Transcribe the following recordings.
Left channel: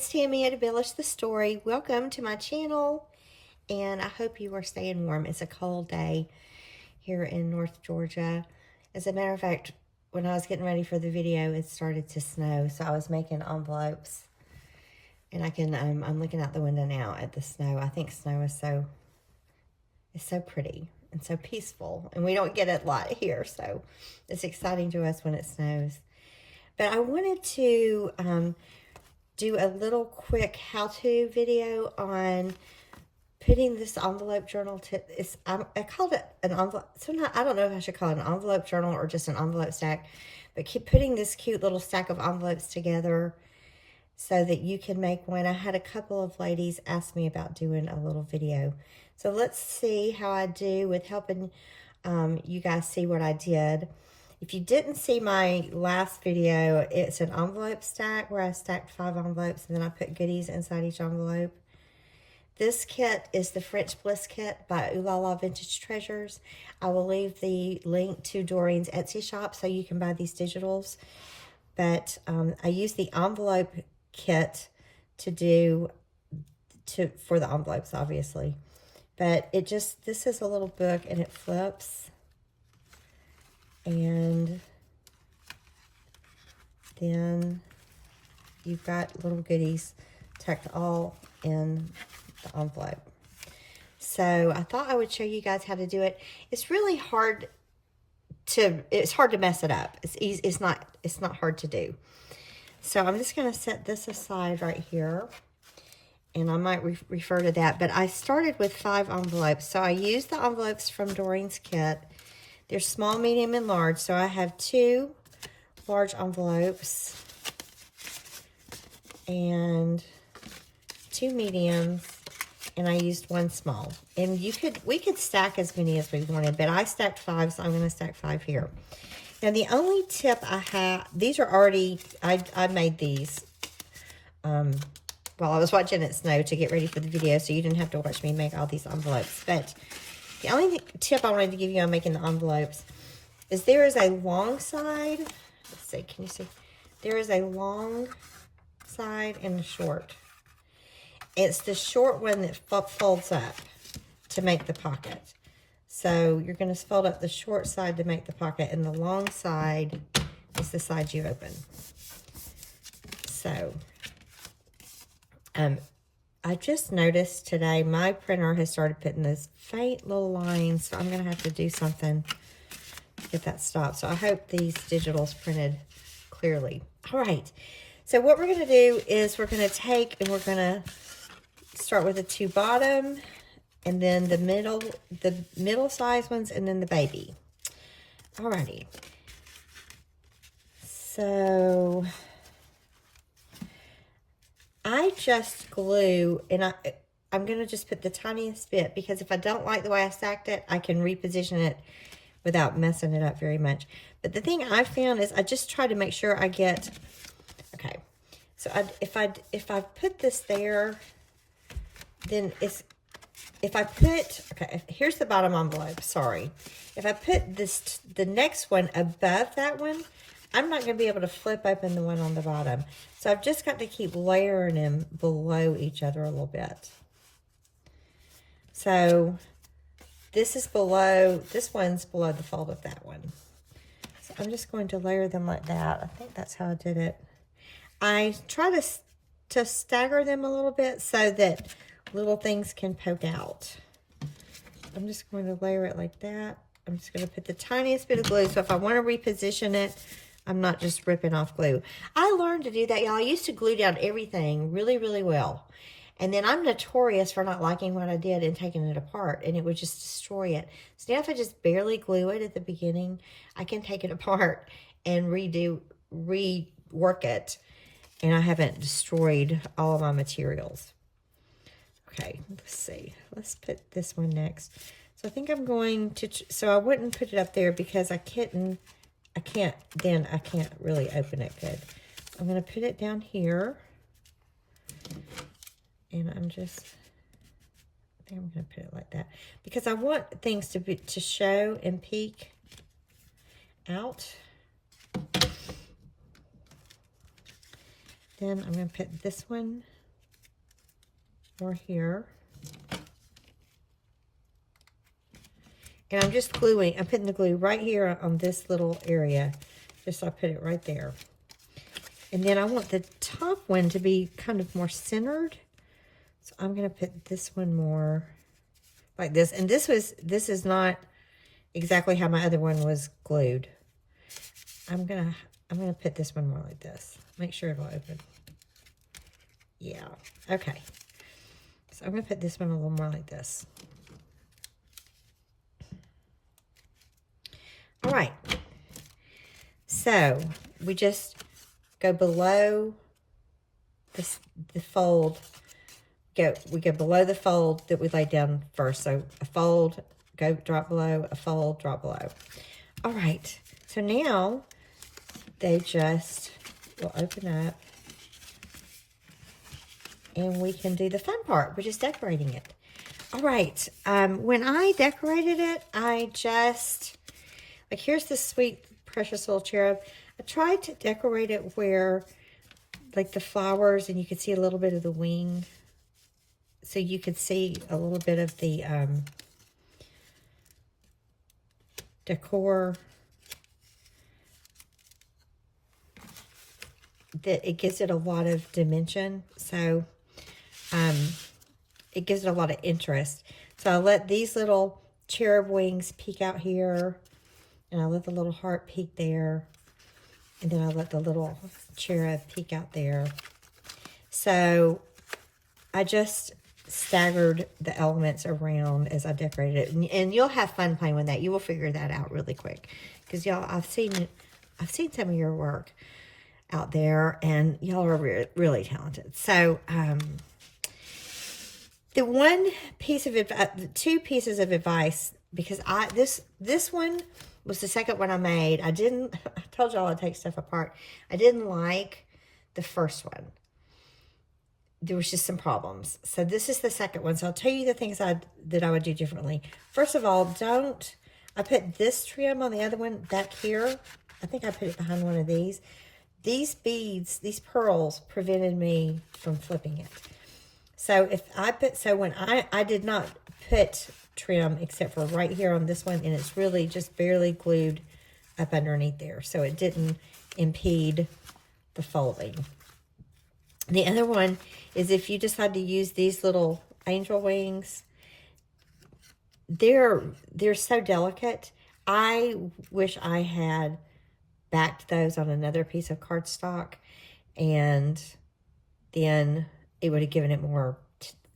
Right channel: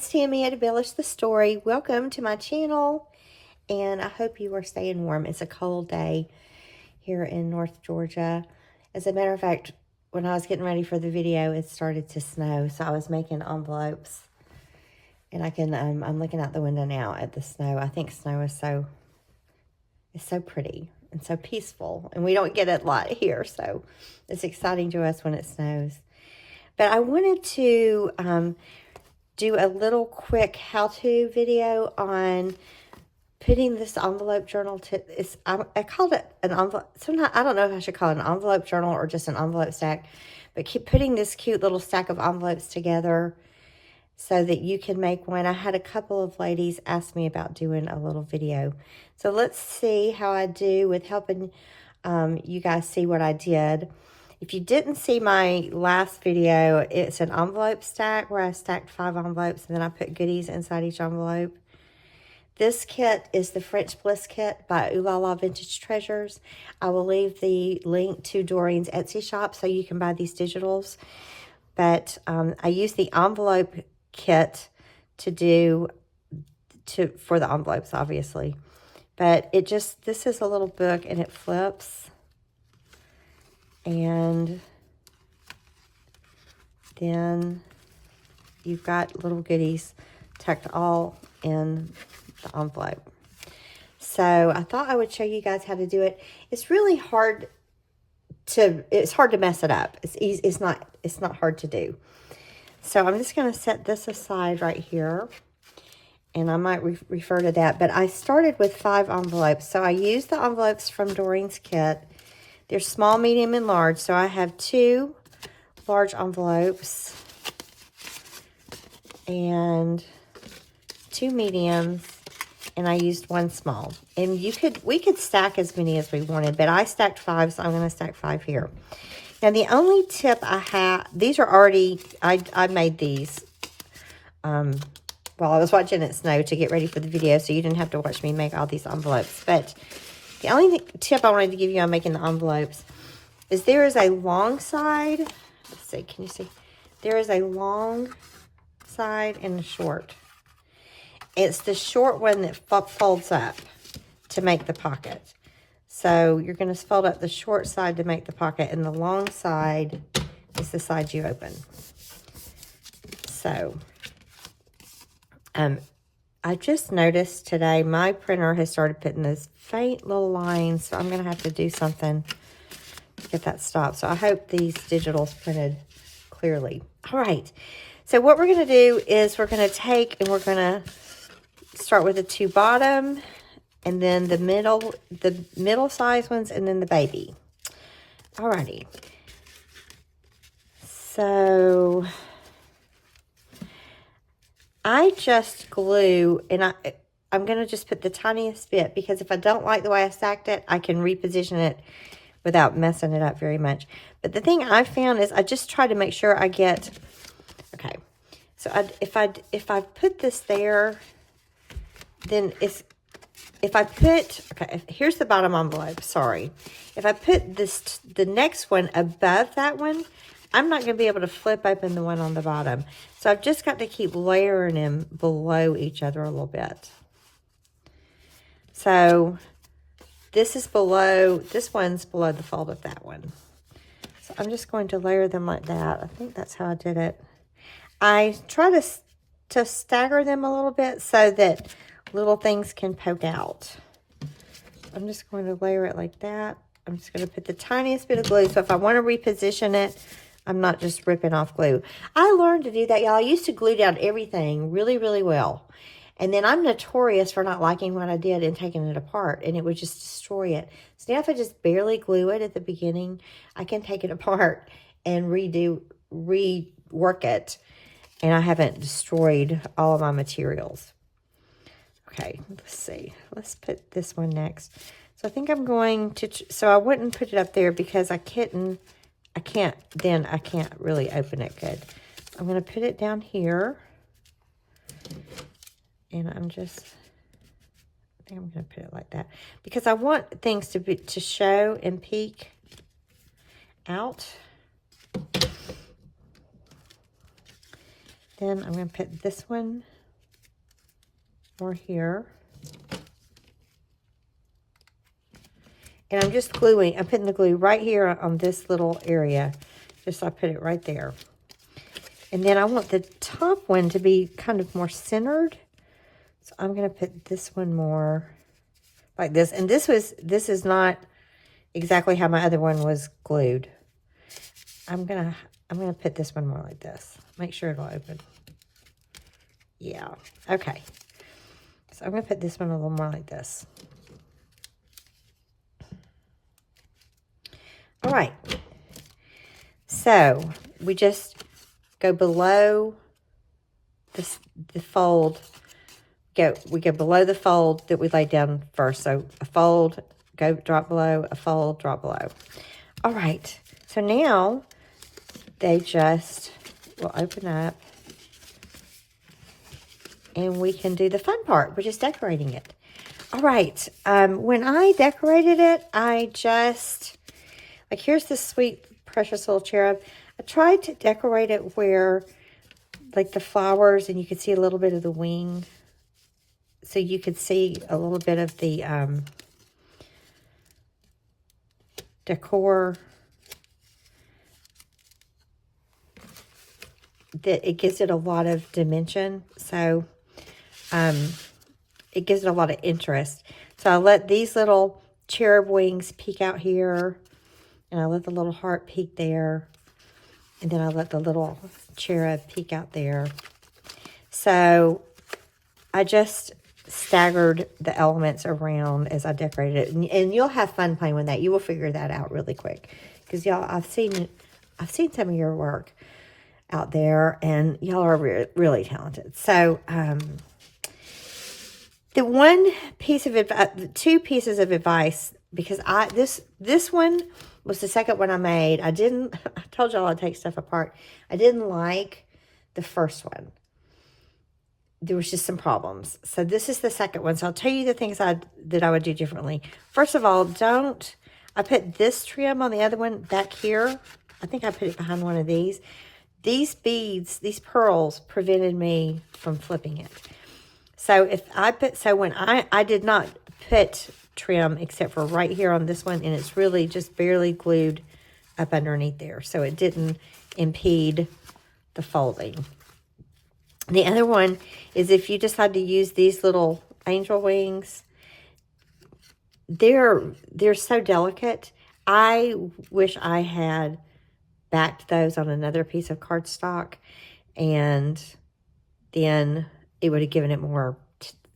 it's Tammy at Embellish the Story. Welcome to my channel, and I hope you are staying warm. It's a cold day here in North Georgia. As a matter of fact, when I was getting ready for the video, it started to snow, so I was making envelopes, and I can I'm looking out the window now at the snow. I think snow is so pretty and so peaceful, and we don't get it a lot here, so it's exciting to us when it snows. But I wanted to do a little quick how-to video on putting this envelope journal to, I called it an envelope, sometimes I don't know if I should call it an envelope journal or just an envelope stack, but keep putting this cute little stack of envelopes together so that you can make one. I had a couple of ladies ask me about doing a little video. So let's see how I do with helping you guys see what I did. If you didn't see my last video, it's an envelope stack where I stacked 5 envelopes and then I put goodies inside each envelope. This kit is the French Bliss kit by Oohlala Vintage Treasures. I will leave the link to Doreen's Etsy shop so you can buy these digitals. But I use the envelope kit for the envelopes, obviously. But this is a little book and it flips. And then you've got little goodies tucked all in the envelope. So I thought I would show you guys how to do it. It's really hard to mess it up. It's not hard to do. So I'm just going to set this aside right here, and I might refer to that. But I started with 5 envelopes. So I used the envelopes from Doreen's kit. They're small, medium, and large. So I have 2 large envelopes and 2 mediums, and I used 1 small. And we could stack as many as we wanted, but I stacked 5, so I'm going to stack 5 here. Now the only tip I have, these are already, I made these while I was watching it snow to get ready for the video, so you didn't have to watch me make all these envelopes. But the only tip I wanted to give you on making the envelopes is there is a long side. Let's see, can you see? There is a long side and a short. It's the short one that folds up to make the pocket. So you're going to fold up the short side to make the pocket, and the long side is the side you open. So, I just noticed today my printer has started putting those faint little lines, so I'm going to have to do something to get that stopped. So I hope these digitals printed clearly. All right, so what we're going to do is we're going to take and we're going to start with the 2 bottom, and then the middle size ones, and then the baby. All righty. So I just glue, and I'm going to just put the tiniest bit, because if I don't like the way I stacked it, I can reposition it without messing it up very much. But the thing I found is I just try to make sure I get, okay, so if I put this there, then okay, here's the bottom envelope, sorry. If I put the next one above that one, I'm not going to be able to flip open the one on the bottom. So I've just got to keep layering them below each other a little bit. So this one's below the fold of that one. So I'm just going to layer them like that. I think that's how I did it. I try to stagger them a little bit so that little things can poke out. I'm just going to layer it like that. I'm just going to put the tiniest bit of glue, so if I want to reposition it, I'm not just ripping off glue. I learned to do that, y'all. I used to glue down everything really, really well. And then I'm notorious for not liking what I did and taking it apart, and it would just destroy it. So now if I just barely glue it at the beginning, I can take it apart and rework it, and I haven't destroyed all of my materials. Okay, let's see. Let's put this one next. So I think I'm going to, so I wouldn't put it up there because I can't really open it good. I'm going to put it down here. And I think I'm going to put it like that, because I want things to show and peek out. Then I'm going to put this one more here. And I'm just gluing, I'm putting the glue right here on this little area. Just so I put it right there. And then I want the top one to be kind of more centered. So I'm going to put this one more like this. And this is not exactly how my other one was glued. I'm gonna put this one more like this. Make sure it'll open. Yeah, okay. So I'm gonna put this one a little more like this. All right. So we just go below the fold. We go below the fold that we laid down first. So a fold, go drop below, a fold, drop below. All right. So now they just will open up and we can do the fun part, which is decorating it. All right. When I decorated it, I just, like, here's this sweet, precious little cherub. I tried to decorate it where, like, the flowers, and you could see a little bit of the wing. So you could see a little bit of the decor. That it gives it a lot of dimension. So it gives it a lot of interest. So I let these little cherub wings peek out here. And I let the little heart peek there. And then I let the little cherub peek out there. So I just staggered the elements around as I decorated it. And you'll have fun playing with that. You will figure that out really quick. Because y'all, I've seen some of your work out there. And y'all are really talented. So the one piece of advice, the two pieces of advice, because this one was the second one I made. I told y'all I'd take stuff apart. I didn't like the first one. There was just some problems. So this is the second one. So I'll tell you the things that I would do differently. First of all, I put this trim on the other one back here. I think I put it behind one of these. These beads, these pearls, prevented me from flipping it. So when I did not put trim except for right here on this one, and it's really just barely glued up underneath there, so it didn't impede the folding. The other one is if you decide to use these little angel wings, they're so delicate. I wish I had backed those on another piece of cardstock, and then it would have given it more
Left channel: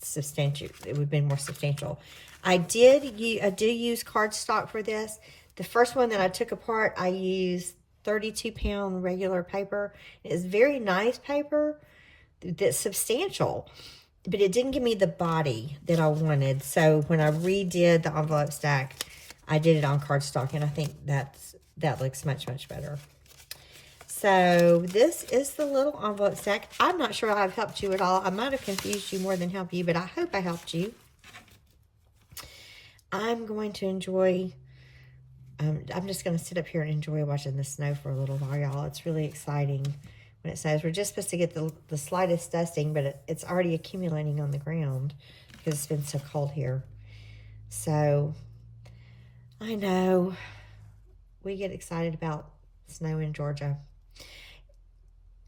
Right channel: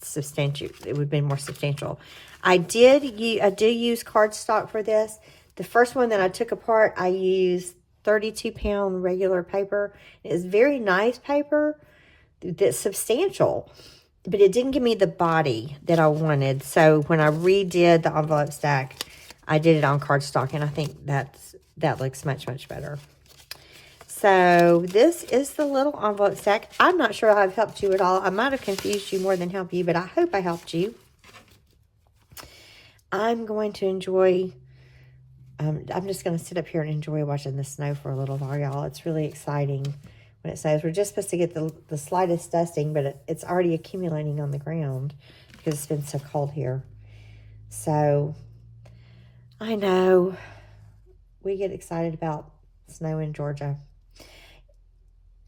substantial. It would have been more substantial. I did use cardstock for this. The first one that I took apart, I used 32-pound regular paper. It's very nice paper that's substantial, but it didn't give me the body that I wanted. So when I redid the envelope stack, I did it on cardstock, and I think that looks much, much better. So this is the little envelope stack. I'm not sure I've helped you at all. I might have confused you more than helped you, but I hope I helped you. I'm going to enjoy, I'm just going to sit up here and enjoy watching the snow for a little while, y'all. It's really exciting when it snows. We're just supposed to get the slightest dusting, but it's already accumulating on the ground because it's been so cold here. So I know we get excited about snow in Georgia.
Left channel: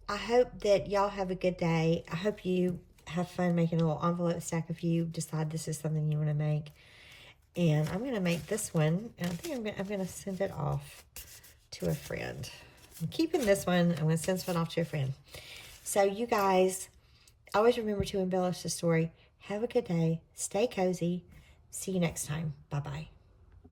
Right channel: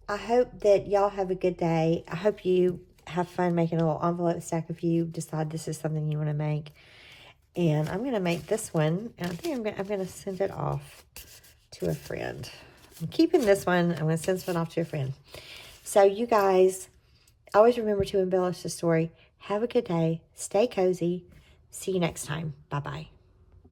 I hope that y'all have a good day. I hope you have fun making a little envelope stack if you decide this is something you want to make. And I'm going to make this one, and I think I'm going to send it off to a friend. I'm keeping this one. I'm going to send this one off to a friend. So you guys, always remember to embellish the story. Have a good day. Stay cozy. See you next time. Bye-bye.